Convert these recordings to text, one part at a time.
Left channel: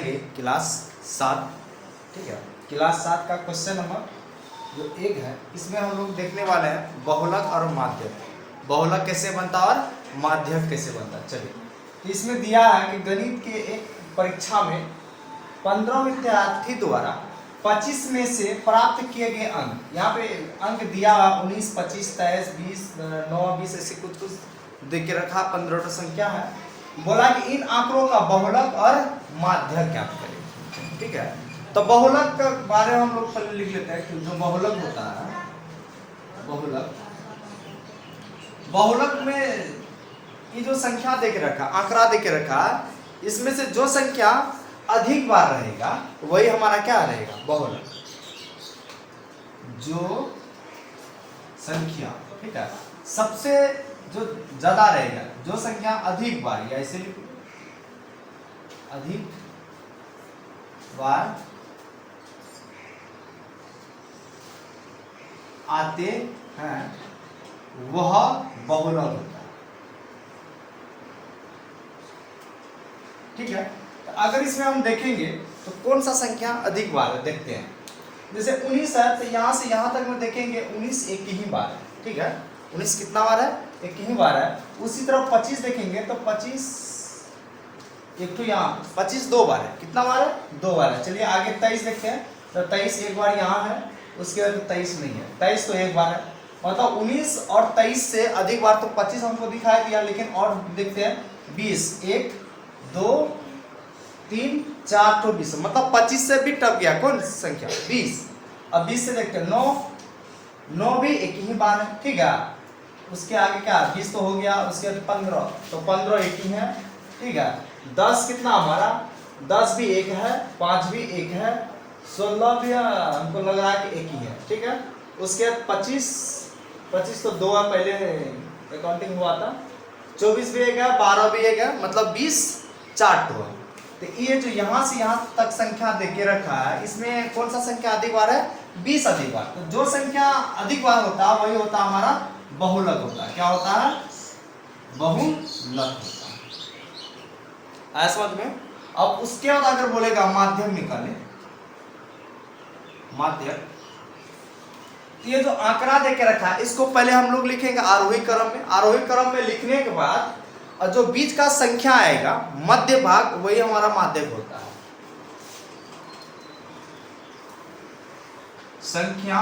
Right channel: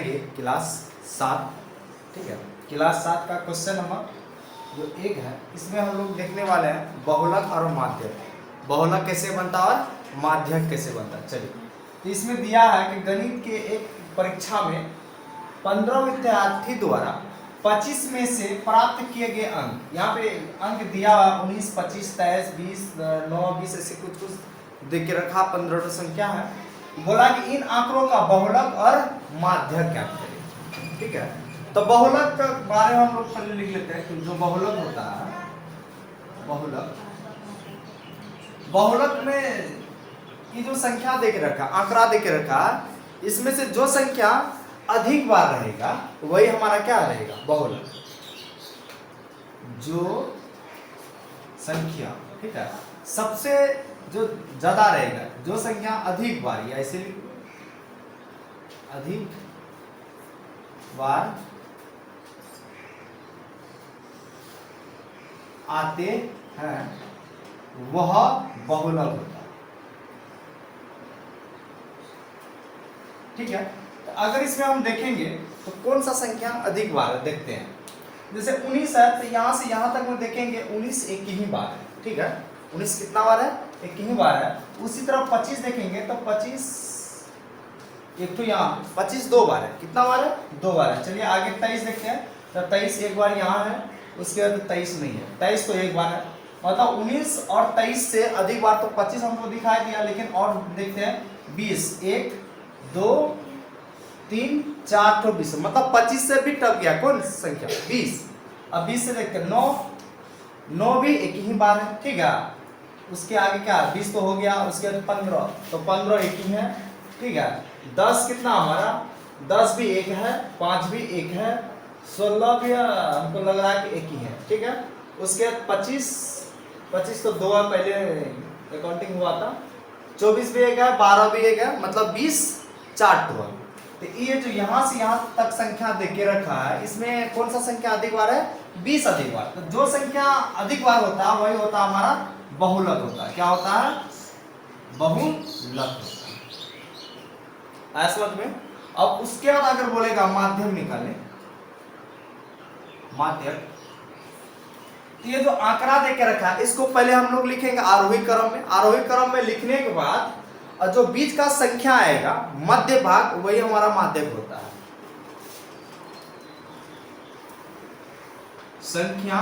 पढ़ेंगे क्लास 7, ठीक है। क्लास 7 का क्वेश्चन नंबर जो 1 है, इसमें हम लोग देखने वाले हैं बहुलक और माध्यक। बहुलक कैसे बनता और माध्यक कैसे बनता। चलिए, तो इसमें दिया है कि गणित के एक परीक्षा में 15 विद्यार्थी द्वारा 25 में से प्राप्त किए गए अंक, यहाँ पे अंक दिया हुआ 19, 25, 23, 20, 9, 20 ऐसे कुछ दे के रखा। 15 संख्या है। बोला कि इन आंकड़ों का बहुलक और माध्यक ज्ञात करें, ठीक है। तो बहुलक के बारे में हम लोग पहले लिख लेते हैं कि जो बहुलक होता है, बहुलक में ये जो संख्या दे के रखा, आंकड़ा दे के रखा, इसमें से जो संख्या अधिक बार रहेगा वही हमारा क्या रहेगा, बहुलक। जो संख्या, ठीक है, सबसे जो ज्यादा रहेगा, जो संख्या अधिक बार, या ऐसे लिखो, अधिक बार आते हैं वह बहुलक होता है, ठीक है। तो अगर इसमें हम देखेंगे तो कौन सा संख्या अधिक बार है, देखते हैं। जैसे 19 है, तो यहाँ से यहाँ तक में देखेंगे 19 एक ही बार है, ठीक है। 19 कितना बार है, एक ही बार है। उसी तरह 25 देखेंगे तो 25 एक तो यहाँ 25 दो बार है, कितना बार है, 2 बार है। चलिए आगे 23 देखते हैं, तो 23 एक बार यहाँ है, उसके बाद 23 नहीं है, 23 तो एक बार है। मतलब 19 और 23 से अधिक बार तो 25 हमको दिखाई दिया, लेकिन और देखते हैं 20, 1 2 3 4 तो 20, मतलब 25 से भी टप गया कौन संख्या, 20। अब 20 से देखते हैं 9 भी एक ही बार है, ठीक है। उसके आगे क्या, 20 तो हो गया, उसके बाद 15, तो 15 एक ही है, ठीक है। 10 कितना हमारा, 10 भी एक है, 5 भी एक है, 16 भी हमको लग रहा है कि एक ही है, ठीक है। उसके बाद 25 तो 2 है, पहले अकाउंटिंग हुआ था। 24 भी एक है, 12 भी एक है, मतलब 20 4 तो है। तो ये जो यहाँ से यहाँ तक संख्या दे के रखा है, इसमें कौन सा संख्या अधिक बार है, 20 अधिक बार। तो जो संख्या अधिक बार होता है वही होता है हमारा बहुलक होता है। क्या होता है, बहुलक होता है, ऐसा समझ में। अब उसके बाद अगर बोलेगा माध्यक निकालने, माध्यक, ये जो आंकड़ा दे के रखा है इसको पहले हम लोग लिखेंगे आरोही क्रम में। आरोही क्रम में लिखने के बाद और जो बीच का संख्या आएगा मध्य भाग, वही हमारा माध्यक होता है। संख्या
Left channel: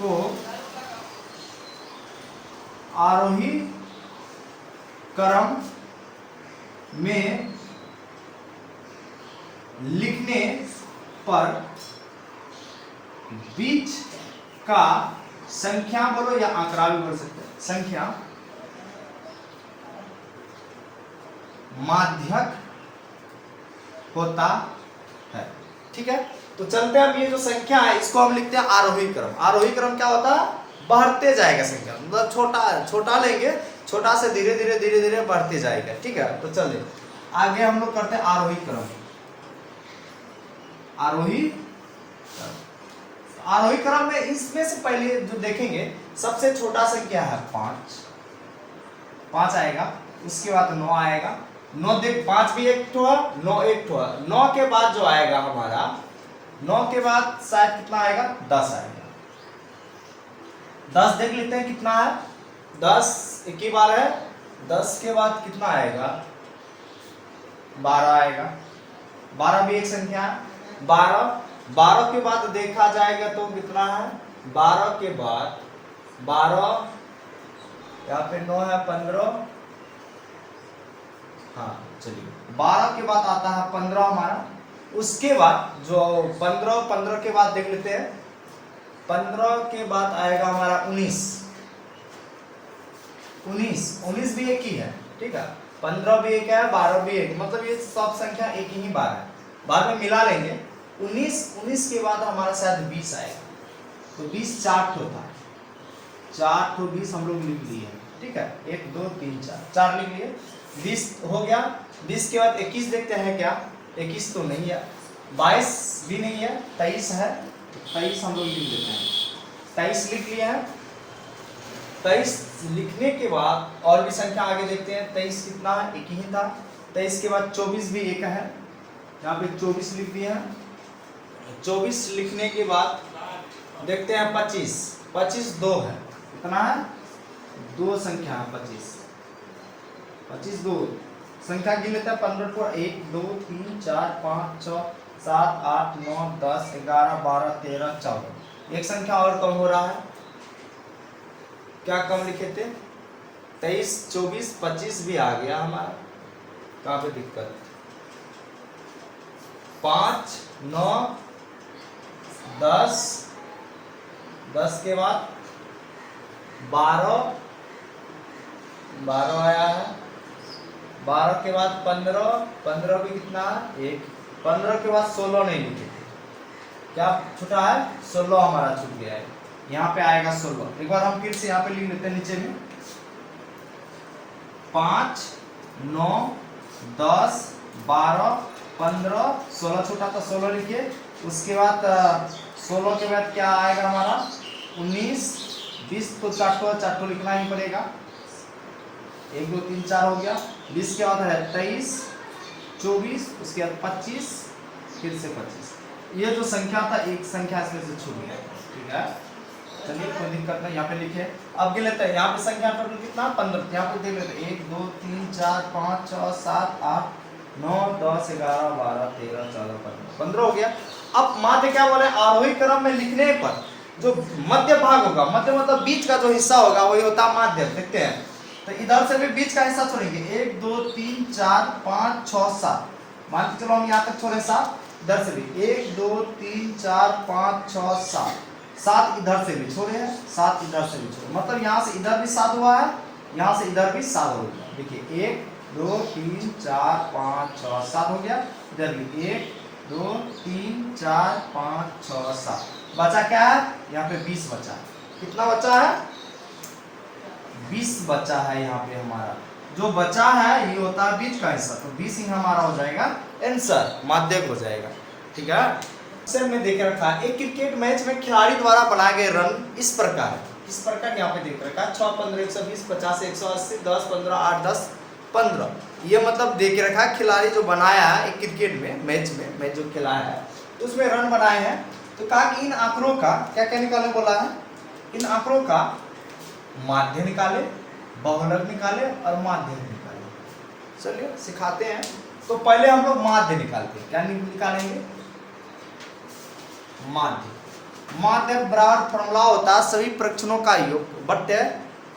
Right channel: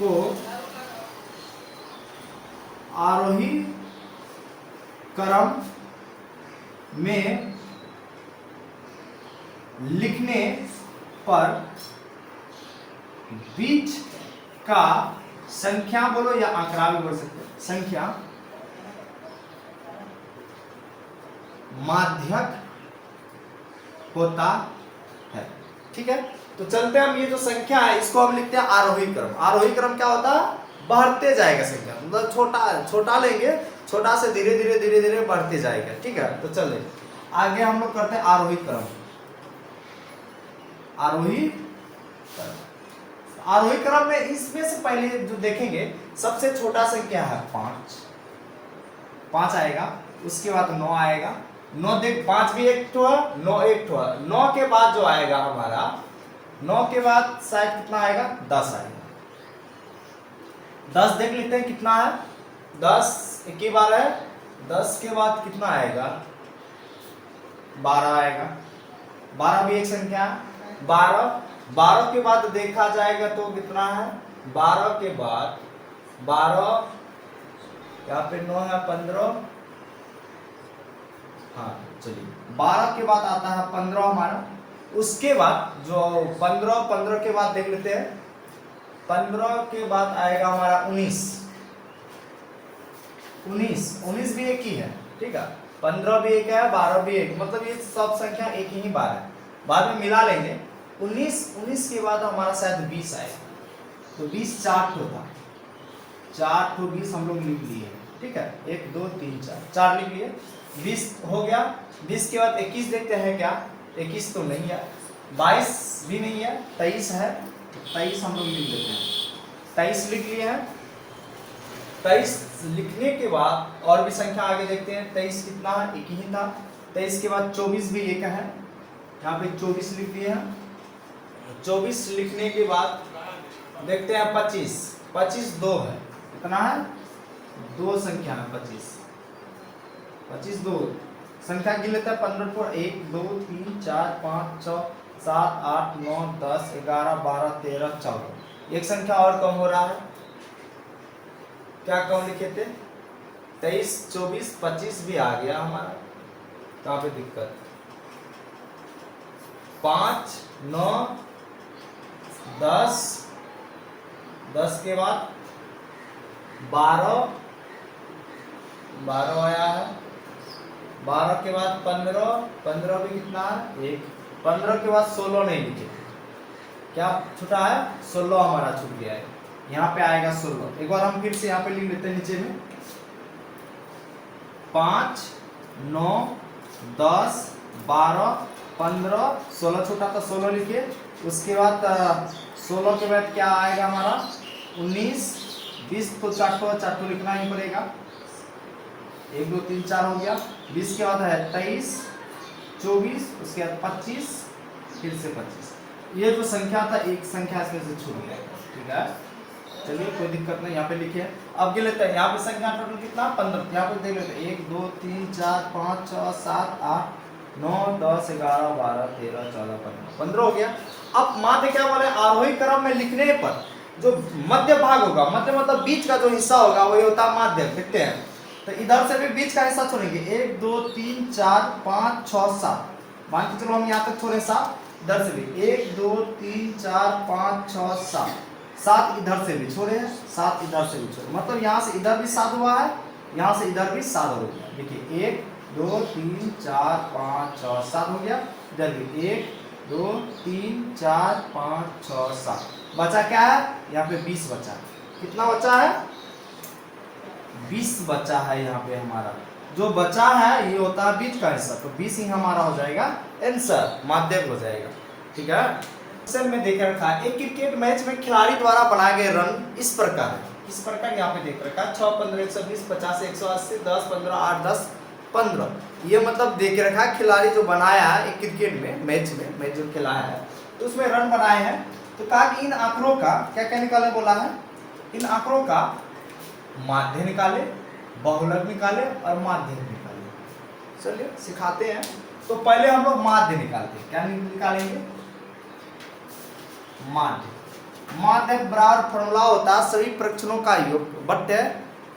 को आरोही क्रम में लिखने पर बीच का संख्या बोलो या आंकड़ा भी बोल सकते हैं, संख्या माध्यक होता है, ठीक है। तो चलते हैं, हम ये जो संख्या है इसको हम लिखते हैं आरोही क्रम। आरोही क्रम क्या होता है, बढ़ते जाएगा संख्या, मतलब छोटा लेंगे, छोटा से धीरे धीरे धीरे धीरे बढ़ते जाएगा, ठीक है। तो चलिए आगे हम लोग करते हैं आरोही क्रम। आरोही क्रम में इसमें से पहले जो देखेंगे सबसे छोटा संख्या है 5 आएगा, उसके बाद 9 आएगा, 9 देख 5 भी एक ठो है, 9 एक ठो है। 9 के बाद जो आएगा हमारा, 9 के बाद शायद कितना आएगा, 10 आएगा। 10 देख लेते हैं कितना है, 10 एक ही बार है। 10 के बाद कितना आएगा, 12 आएगा। 12 भी एक संख्या है। 12 के बाद देखा जाएगा तो कितना है, 12 के बाद 12, यहाँ पे 9 है, 15, हाँ चलिए 12 के बाद आता है 15 हमारा। उसके बाद जो 15 के बाद देख लेते हैं, 15 के बाद आएगा हमारा 19 भी एक ही है, ठीक है। 15 भी एक है, 12 भी एक, मतलब ये सब संख्या एक ही बार है, बाद में मिला लेंगे। 19 के बाद हमारा शायद 20 आएगा, तो 20 4 ठो था, 4 ठो 20 हम लोग लिख लिए, ठीक है। 1 2 3 4 लिख लिए, 20 हो गया। 20 के बाद 21 देखते हैं क्या, 21 तो नहीं है, 22 भी नहीं है, 23 है, 23 हम लोग लिख लेते हैं, 23 लिख लिए हैं। 23 लिखने के बाद और भी संख्या आगे देखते हैं, 23 कितना है, एक ही था। 23 के बाद 24 भी एक है, यहाँ पे 24 लिख दिए हैं। 24 लिखने के बाद देखते हैं 25, 25 दो है, कितना है? दो संख्या है 25, 25 दो संख्या गिन लेते हैं 15 को 1 2 3 4 5 6 7 8 9 10 11 12 13 14। एक संख्या और कम हो रहा है, क्या कम लिखे थे? 23 24 25 भी आ गया हमारा, कहाँ पे दिक्कत? 5 9 10, 10 के बाद 12 आया है, 12 के बाद 15, 15 भी कितना है? 1। 15 के बाद 16 नहीं लिखे थे, क्या छूटा है? 16 हमारा छूट गया है, यहाँ पे आएगा 16। एक बार हम फिर से यहाँ पे लिख लेते हैं नीचे में, 5 9 10 12 15 16 छूटा तो 16 लिखिए। उसके बाद 16 के बाद क्या आएगा हमारा? 19 20 तो चार लिखना ही पड़ेगा, 1 2 3 4 हो गया। 20 के बाद है 23 24, उसके बाद 25, फिर से 25। ये जो संख्या था एक संख्या इसमें से छूट गया, ठीक है। चलिए कोई दिक्कत नहीं, यहाँ पे लिखे। अब गिन लेते हैं, यहाँ पे संख्या टोटल कितना? 15। यहाँ पे देख लेते हैं 1 2 3 4 5 6 7 8 9 10 11 12 13 14 15, 15 हो गया। अब माध्य क्या बोले? आरोही क्रम में लिखने पर जो मध्य भाग होगा, मध्य मतलब बीच का जो हिस्सा होगा वही होता है माध्य। देखते हैं, तो इधर से भी बीच का हिस्सा छोड़ेंगे, 1 2 3 4 5 6 7, मान के चलो हम यहाँ तक छोड़े 7, इधर से भी 1 2 3 4 5 6 7, 7 इधर से भी छोड़े हैं, 7 इधर से भी छोड़े, मतलब यहाँ से इधर भी 7 हुआ है, यहाँ से इधर भी 7 हो गया। देखिए 1 2 3 4 5 6 7 हो गया, इधर भी 1 2 3 4 5 6 7। बचा क्या है? यहाँ पे 20 बचा। कितना बचा है? 20 बचा है यहाँ पे हमारा। जो बचा है ये होता है बीच का हिस्सा, तो 20 ही हमारा हो जाएगा आंसर, माध्यक हो जाएगा, ठीक है। क्वेश्चन में देख रखा है, एक क्रिकेट मैच में खिलाड़ी द्वारा बनाए गए रन इस प्रकार यहाँ पे देख रखा है 6 15 120 50 180 10 15 8 10 15। ये मतलब देख रखा है खिलाड़ी जो बनाया है एक क्रिकेट में मैच जो खिलाया है तो उसमें रन बनाए हैं। तो कहा कि इन आंकड़ों का क्या क्या निकालने बोला है? इन आंकड़ों का माध्य निकाले, बहुलक निकाले और माध्य निकाले। चलिए सिखाते हैं। तो पहले हम लोग माध्य निकालते हैं, क्या निकालेंगे? माध्य बराबर फॉर्मूला होता है सभी प्रक्षणों का योग बट्टे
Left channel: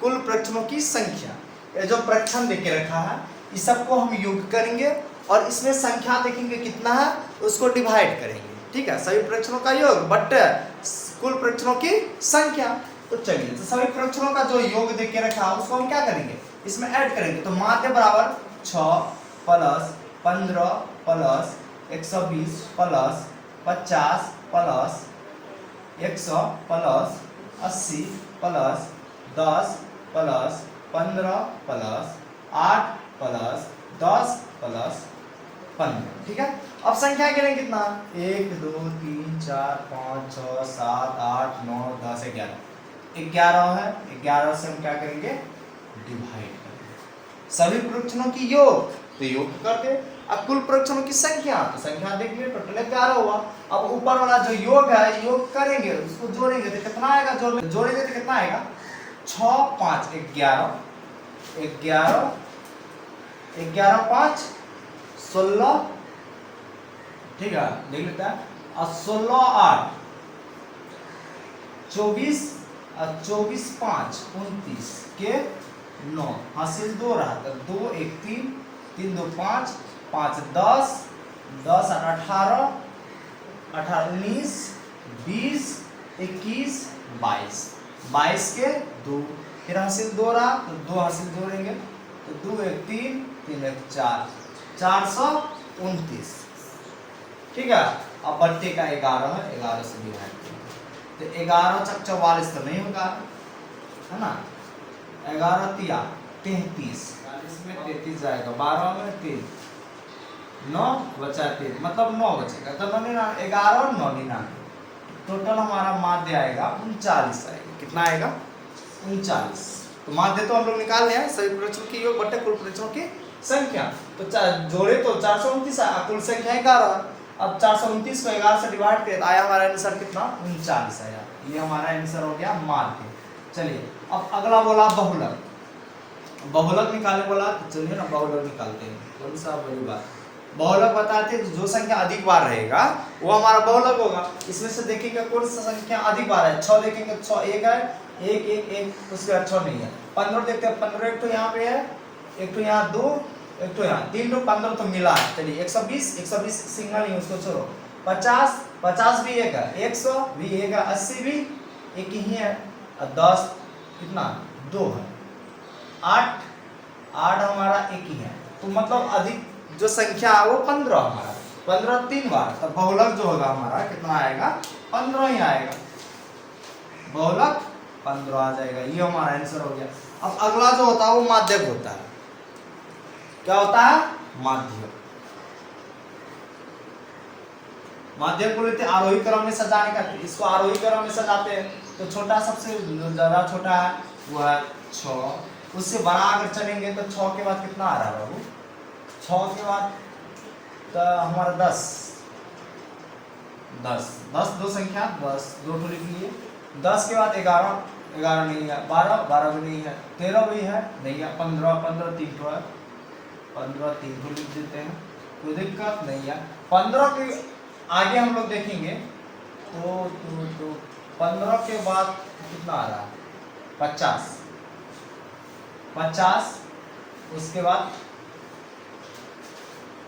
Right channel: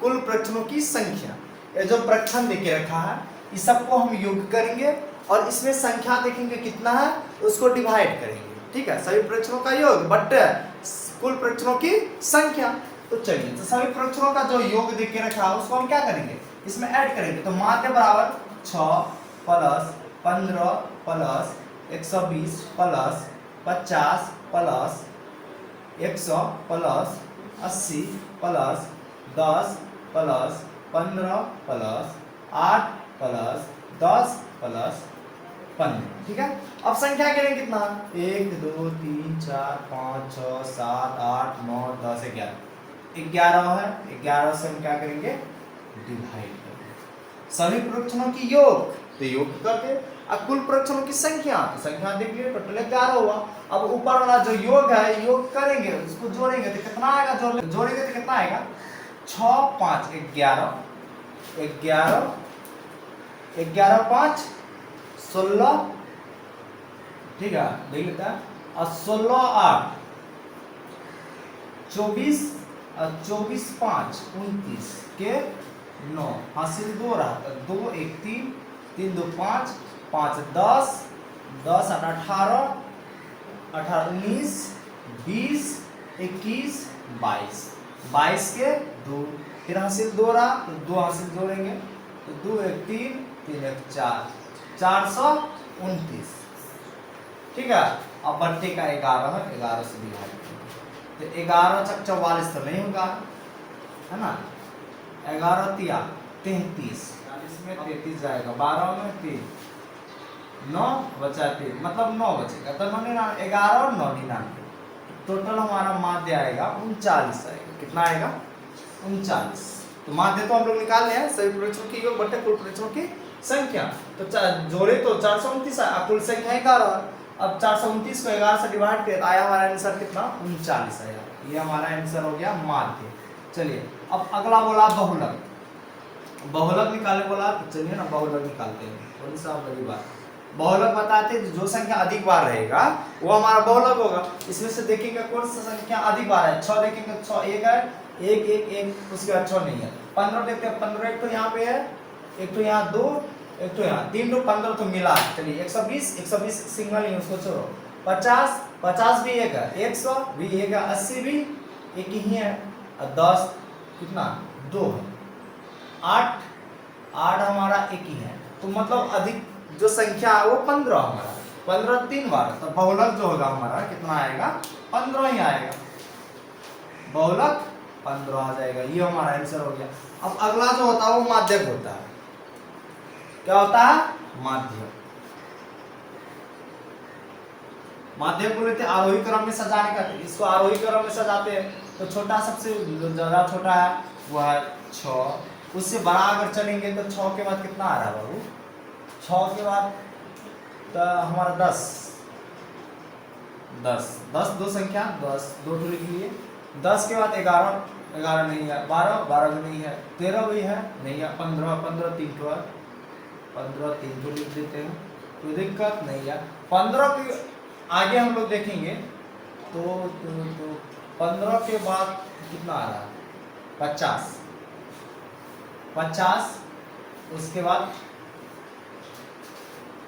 कुल प्रक्षणों की संख्या। ये जो प्रक्षण देके रखा है इस सबको हम योग करेंगे और इसमें संख्या देखेंगे कितना है उसको डिवाइड करेंगे, ठीक है। सभी प्रक्षणों का योग बट्टे कुल प्रक्षणों की संख्या। तो चलिए, तो सभी प्रक्षणों का जो योग देके रखा है उसको हम क्या करेंगे? इसमें ऐड करेंगे। तो माध्य बराबर 6 plus 15 plus 120 plus 50 plus 100 plus 80 plus 10 plus 15 plus 8 plus 10 plus 15, ठीक है। अब संख्या गिनेंगे कितना? 1 2 3 4 5 6 7 8 9 10 11, 11 है। 11 से हम क्या करेंगे? डिवाइड करेंगे। सभी प्रक्षणों की योग तो योग करके, अब कुल प्रक्षणों की संख्या तो संख्या देखिए टोटल 11 हुआ। अब ऊपर वाला जो योग है योग करेंगे, उसको जोड़ेंगे तो कितना आएगा? जोड़ेंगे तो कितना आएगा? 6 5 11 11 11 5 16, ठीक है, देख लेता है। और 16 8 24 और 24 5 29 के 9, हासिल 2 रहा था, 2 1 3 3 2 5 5 10 10 18 18 19 20 21 22 22 के 2, फिर हासिल 2 रहा तो 2 हासिल जोड़ेंगे तो 2 1 3 3 1 4 429, ठीक है। अब बट्टे का 11 है, 11 से डिवाइड करेंगे तो 11 छक 44 तो नहीं होगा, है ना। 11 तिया 33, 40 में 33 जाएगा, 12 में 3 9 बचा 3, मतलब 9 बचेगा। तो 11 और 9 99, टोटल हमारा माध्य आएगा 39 आएगा। कितना आएगा? 39। तो माध्य तो हम लोग निकाल रहे हैं सभी प्रक्षणों की योग बट्टे कुल प्रक्षणों की संख्या। तो जोड़े तो 429 आया, कुल संख्या 11। अब 429 को 11 से डिवाइड किया, आया हमारा आंसर कितना, 39 आया। ये हमारा आंसर हो गया माध्य। चलिए अब अगला बोला बहुलक। बहुलक निकाले बोला, तो चलिए ना बहुलक निकालते हैं। थोड़ी सा बड़ी बात, बहुलक बताते हैं जो संख्या अधिक बार रहेगा वो हमारा बहुलक होगा। इसमें से देखेंगे कौन सा संख्या अधिक बार है। 6 देखेंगे, 6 एक है, एक एक एक, उसके बाद 6 नहीं है। 15 देखते हैं, 15 एक तो यहाँ पे है, एक तो यहाँ 2, एक तो यहाँ 3, तो 15 तो मिला। चलिए 120, 120 सिंगल ही उसको छोड़ो। 50, 50 भी एक है, 100 भी एक है, 80 भी एक ही है, और 10 कितना 2 है, 8 हमारा एक ही है। तो मतलब अधिक जो संख्या है वो 15 हमारा, 15 3 बार। तो बहुलक जो होगा हमारा कितना आएगा, 15 ही आएगा। बहुलक 15 आ जाएगा, ये हमारा आंसर हो गया। अब अगला जो होता है वो माध्यक होता है। क्या होता है, माध्यक। माध्यक को लेते आरोही क्रम में सजाने का, इसको आरोही क्रम में सजाते हैं। तो छोटा सबसे ज्यादा छोटा है वो है 6, उससे बड़ा अगर चलेंगे तो 6 के बाद कितना आ रहा है बाबू, 6 के बाद तो हमारा 10 दो संख्या, 10 दो ठो लिख लिए। 10 के बाद 11 नहीं है, 12 भी नहीं है, 13 भी है नहीं है, 15 3 ठो है, 15 3 ठो लिख देते हैं, कोई दिक्कत नहीं है। 15 के आगे हम लोग देखेंगे तो 15 के बाद कितना आ रहा है, 50, उसके बाद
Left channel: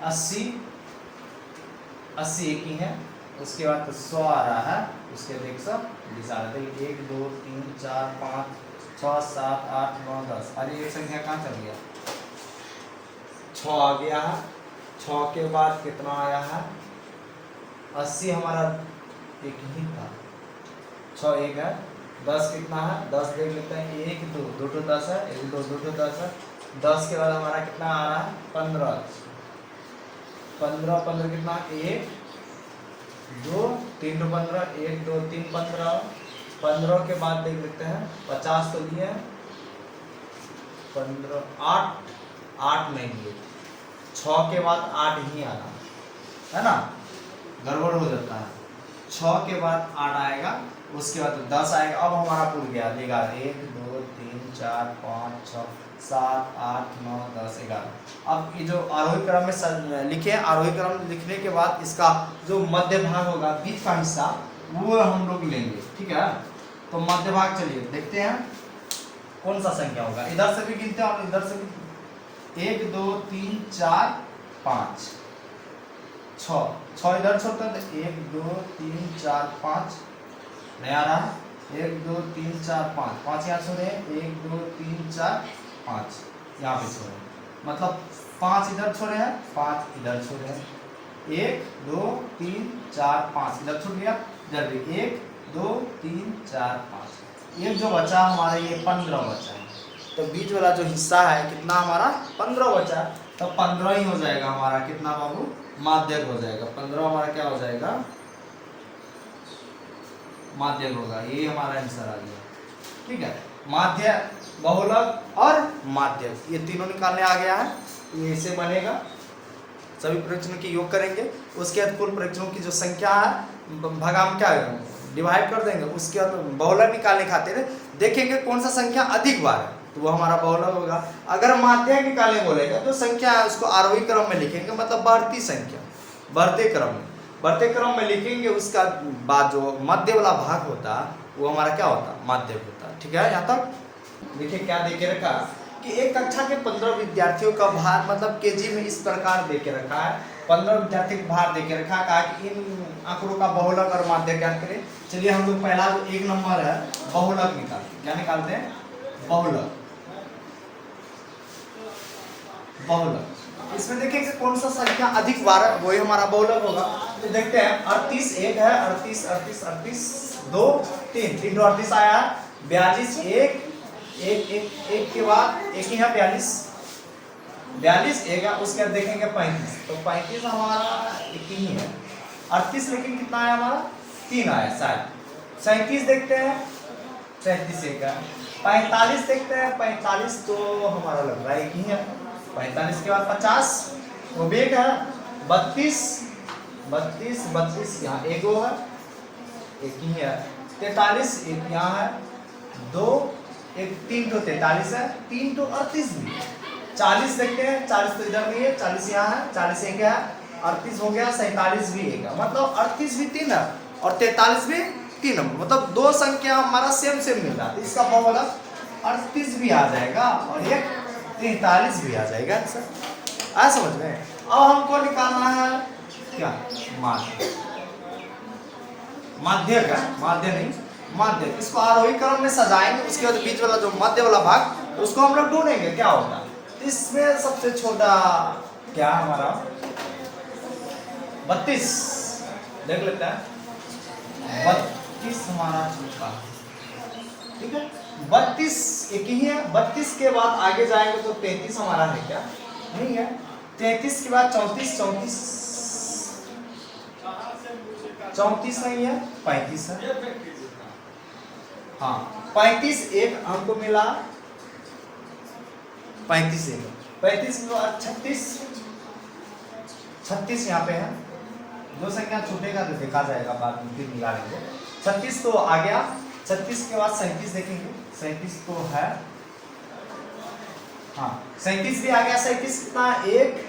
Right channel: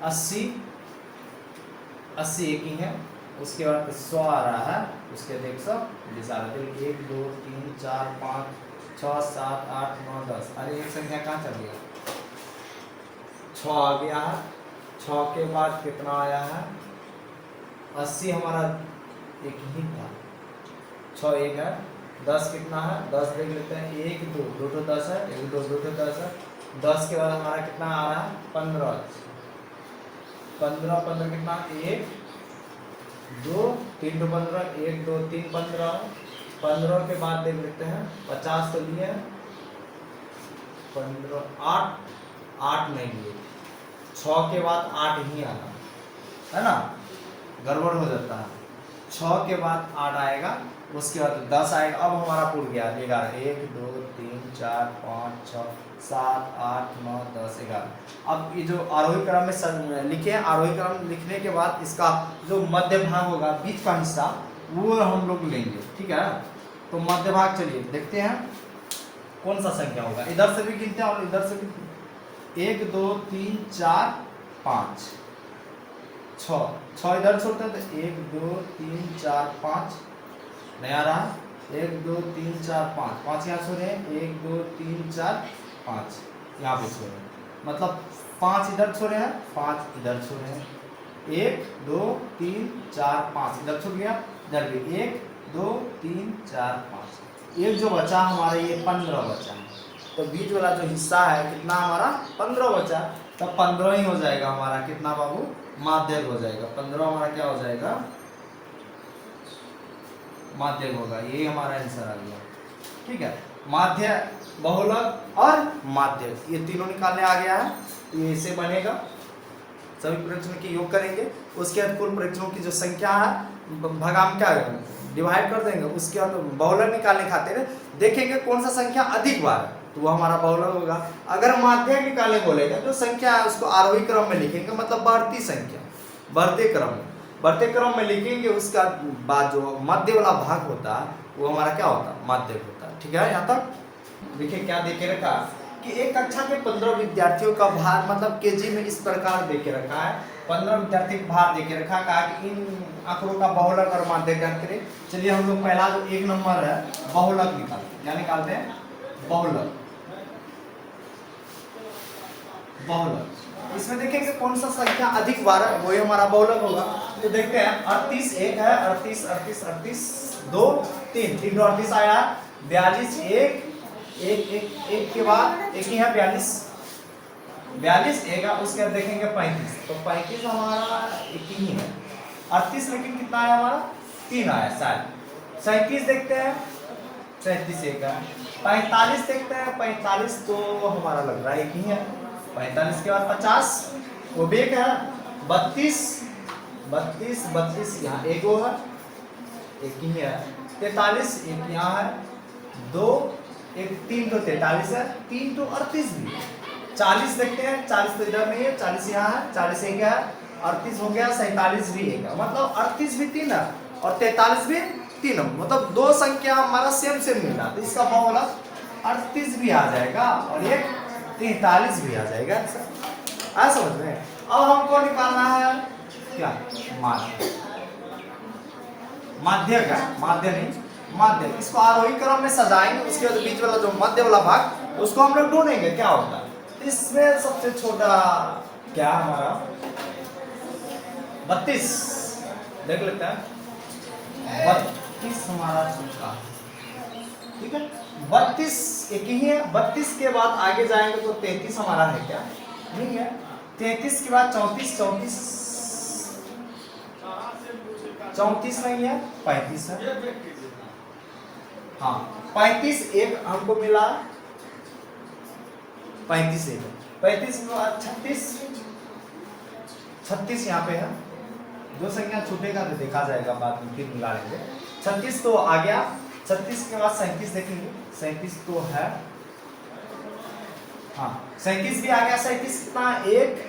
80 एक ही है, उसके बाद 100 आ रहा है, उसके देख सब 1 2 3 4 5 6 7 8 9 10। अरे ये संख्या कहाँ चल गया, 6 आ गया है। 6 के बाद कितना आया है, 80 हमारा एक ही था, 6 एक है। 10 कितना है, 10 देख लेते हैं, 1 2 2 तो 10 है, 1 2 2 तो 10 है। 10 के बाद हमारा कितना आ रहा है, 15 कितना, 1 2 3 तो 15, 1 2 3 15। 15 के बाद देख लेते हैं, 50 तो लिए, 15 8 नहीं लिए, 6 के बाद 8 ही आना है ना, गड़बड़ हो जाता है। 6 के बाद 8 आएगा, उसके बाद 10 आएगा। अब हमारा पूरा गया 11, 1 2 3 4 5 6 7 8 9 10 11। अब ये जो आरोही क्रम में लिखे हैं, आरोही क्रम लिखने के बाद इसका जो मध्य भाग होगा, बीच का हिस्सा, वो हम लोग लेंगे, ठीक है। तो मध्य भाग चलिए देखते हैं कौन सा संख्या होगा। इधर से भी गिनते हैं और इधर से भी, 1 2 3 4 5 6 इधर छोड़ते हैं तो 1 2 3 4 5 नहीं आ रहा है, 1 2 3 4 5 यहाँ छोड़े, 1 2 3 4 5 यहाँ पे छोड़े, मतलब 5 इधर छोड़े हैं, 5 इधर छोड़े हैं, 1 2 3 4 5 इधर छूट गया, इधर भी 1 2 3 4 5, एक जो बचा हमारा ये 15 बचा है। तो बीच वाला जो हिस्सा है कितना हमारा, 15 बचा, तो 15 ही हो जाएगा हमारा कितना बाबू, माध्यक हो जाएगा। 15 हमारा क्या हो जाएगा, माध्यक होगा। ये हमारा आंसर आ गया, ठीक है। माध्य, बहुलक और माध्यक, ये तीनों निकालने आ गया है। ये इसे बनेगा, सभी प्रश्नों की योग करेंगे, उसके बाद कुल प्रश्नों की जो संख्या है भगाम क्या डिवाइड कर देंगे, उसके बाद बहुलक निकालने खातिर देखेंगे कौन सा संख्या अधिक बार है, तो वो हमारा बहुलक होगा। अगर माध्यक निकालने बोलेगा तो संख्या है उसको आरोही क्रम में लिखेंगे, मतलब बढ़ती संख्या, बढ़ते क्रम में लिखेंगे। उसका बाद जो मध्य वाला भाग होता है वो हमारा क्या होता है, माध्यक होता है, ठीक है। यहाँ तक देखिए क्या देखे रखा कि एक कक्षा के 15 विद्यार्थियों का भार, मतलब केजी में इस प्रकार देके रखा है, 15 विद्यार्थी का भार देके रखा, कहा कि इन आंकड़ों का बहुलक और माध्यक ज्ञात करें। चलिए हम लोग पहला जो 1 नंबर है बहुलक निकालते हैं, क्या निकालते हैं, बहुलक। इसमें देखेंगे कौन सा संख्या अधिक बार है, वही हमारा बहुलक होगा। तो देखते हैं 38 एक है, 38 2 3 3 38 आया है, 42 एक के बाद एक ही है, 42 एक है, उसके बाद देखेंगे 35, तो 35 हमारा एक ही है। 38 लेकिन कितना आया हमारा, 3 आया शायद। 37 देखते हैं, 37 एक है। 45 देखते हैं, 45 तो हमारा लग रहा है एक ही है, 45 के बाद 50, वो भी एक है 32, 32 32 यहाँ एक वो है, एक ही है 43, एक यहाँ है 2, एक 3 तो 43 है, 3 तो 38 भी, 40 देखते हैं, 40 तो इधर नहीं है, 40 यहाँ है, 40 एक है, 38 हो गया, 47 भी एक है, मतलब 38 भी 3 है और 43 भी 3 है, मतलब दो संख्या हमारा सेम सेम मिल रहा है, तो इसका बहुलक 38 भी आ जाएगा और एक 43 भी आ जाएगा। आया समझ में? अब हमको निकालना है क्या, माध्य, माध्य का, माध्य नहीं माध्य, इसको आरोही क्रम में सजाएंगे, उसके बाद बीच वाला जो मध्य वाला भाग उसको हम लोग ढूंढेंगे क्या होता है। तो इसमें सबसे छोटा क्या हमारा 32 देख लेते हैं, 32 हमारा छोटा, ठीक है 32 एक ही है, 32 के बाद आगे जाएंगे तो 33 हमारा है क्या, नहीं है, 33 के बाद 34, 34 नहीं है, 35 है, हाँ 35 एक हमको मिला, 35 एक, 35 के बाद 36, 36 यहाँ पे है, दो संख्या छूटेगा तो देखा जाएगा बाद में, फिर मिला लेंगे। 36 तो आ गया, 36 के बाद 37 देखेंगे, 37 तो है, हाँ 37 भी आ गया, 37 कितना एक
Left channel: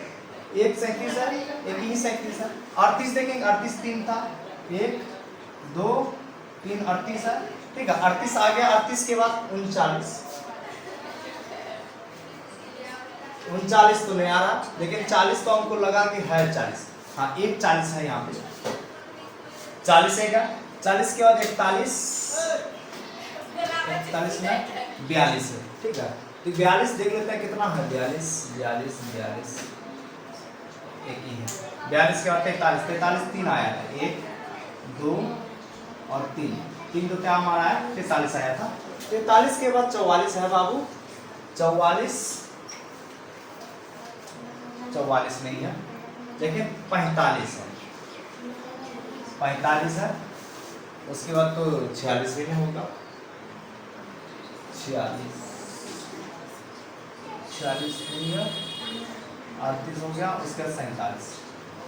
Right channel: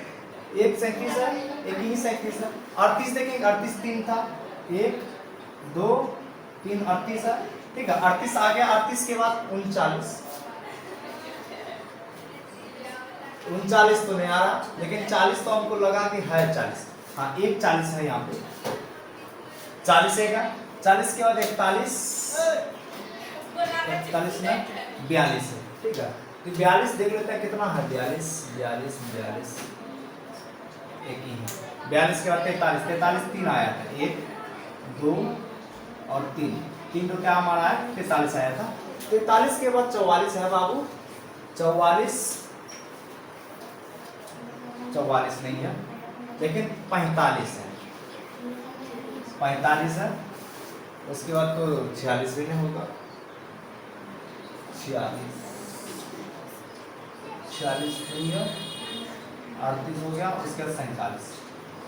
37 है, एक ही 37 है, 38 देखेंगे, 38 3 था, 1 2 3 38 है, ठीक है 38 आ गया, 38 के बाद 39, 39 तो नहीं आ रहा, लेकिन 40 तो हमको लगा कि है 40, हाँ एक 40 है यहाँ पे, 40 है, 40 के बाद 41, 41 में 42 है, ठीक है तो 42 देख लेते हैं कितना है, 42 42 42 एक ही है, 42 के बाद 43, 43 3 आया था, 1 2 और 3 तो क्या हमारा है 43 आया था, 43 के बाद 44 है बाबू, 44 नहीं है, लेकिन 45 है, 45 है, उसके बाद तो 46 भी नहीं होगा, 46 नहीं है, 38 हो गया, उसके बाद 47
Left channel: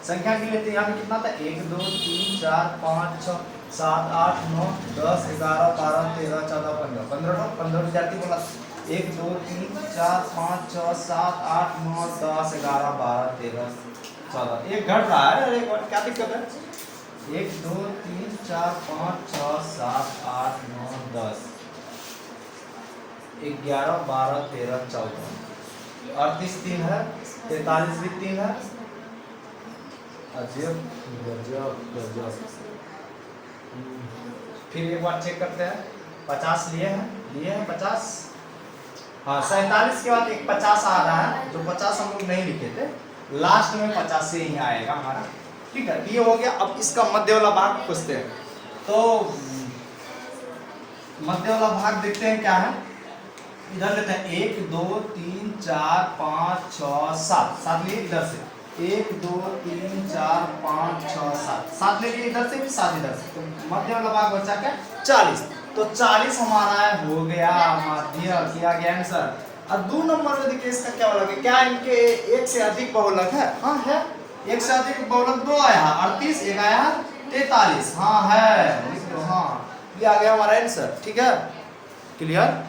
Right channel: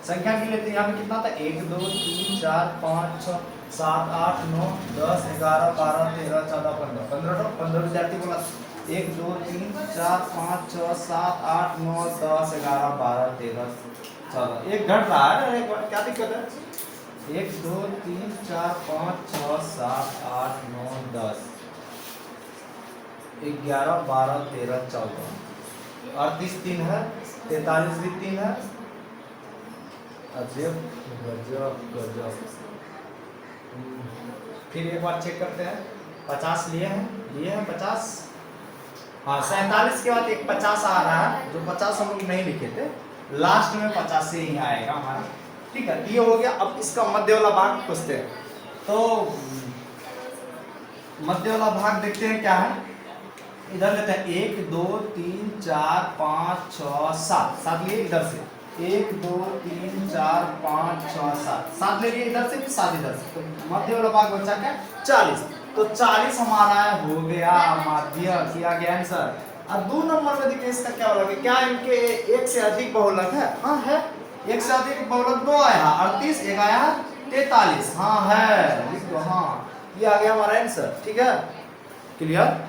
संख्या के लेते हैं, कितना था 1 2 3 4 5 6 7 8 9 10 11 12 13 14 15 15 विद्यार्थी बोला, 1 2 3 4 5 6 7 8 9 10 11 12 13 14, एक घट रहा है, एक बार क्या दिक्कत है, 1 2 3 4 5 6 7 8 9 10 11 12 13 14, 38 3 है, 43 भी 3 है, अजब गजब गजब, फिर एक बार चेक करते हैं, 50 लिए हैं 50, हाँ 47 के बाद एक 50 आ रहा है, जो 50 हम लोग नहीं लिखे थे, लास्ट में 50 से ही आएगा हमारा, ठीक है ये हो गया। अब इसका मध्य वाला भाग पूछते हैं, तो मध्य वाला भाग देखते हैं क्या है, इधर लेते हैं 1 2 3 4 5 6 7, 7 लिए इधर से, 1 2 3 4 5 6 7, 7 लेके इधर से भी 7 इधर से, तो मध्य वाला भाग बचा क्या 40, तो 40 हमारा हो गया माध्य, किया गया आंसर। अब 2 नंबर में देखिए इसका क्या बोला, क्या इनके एक से अधिक बहुलक है, हाँ है, एक से अधिक बहुलक 2 आया, 38 एक आया 43, हाँ है लिख दो, हाँ ये आ गया हमारा आंसर, ठीक है क्लियर।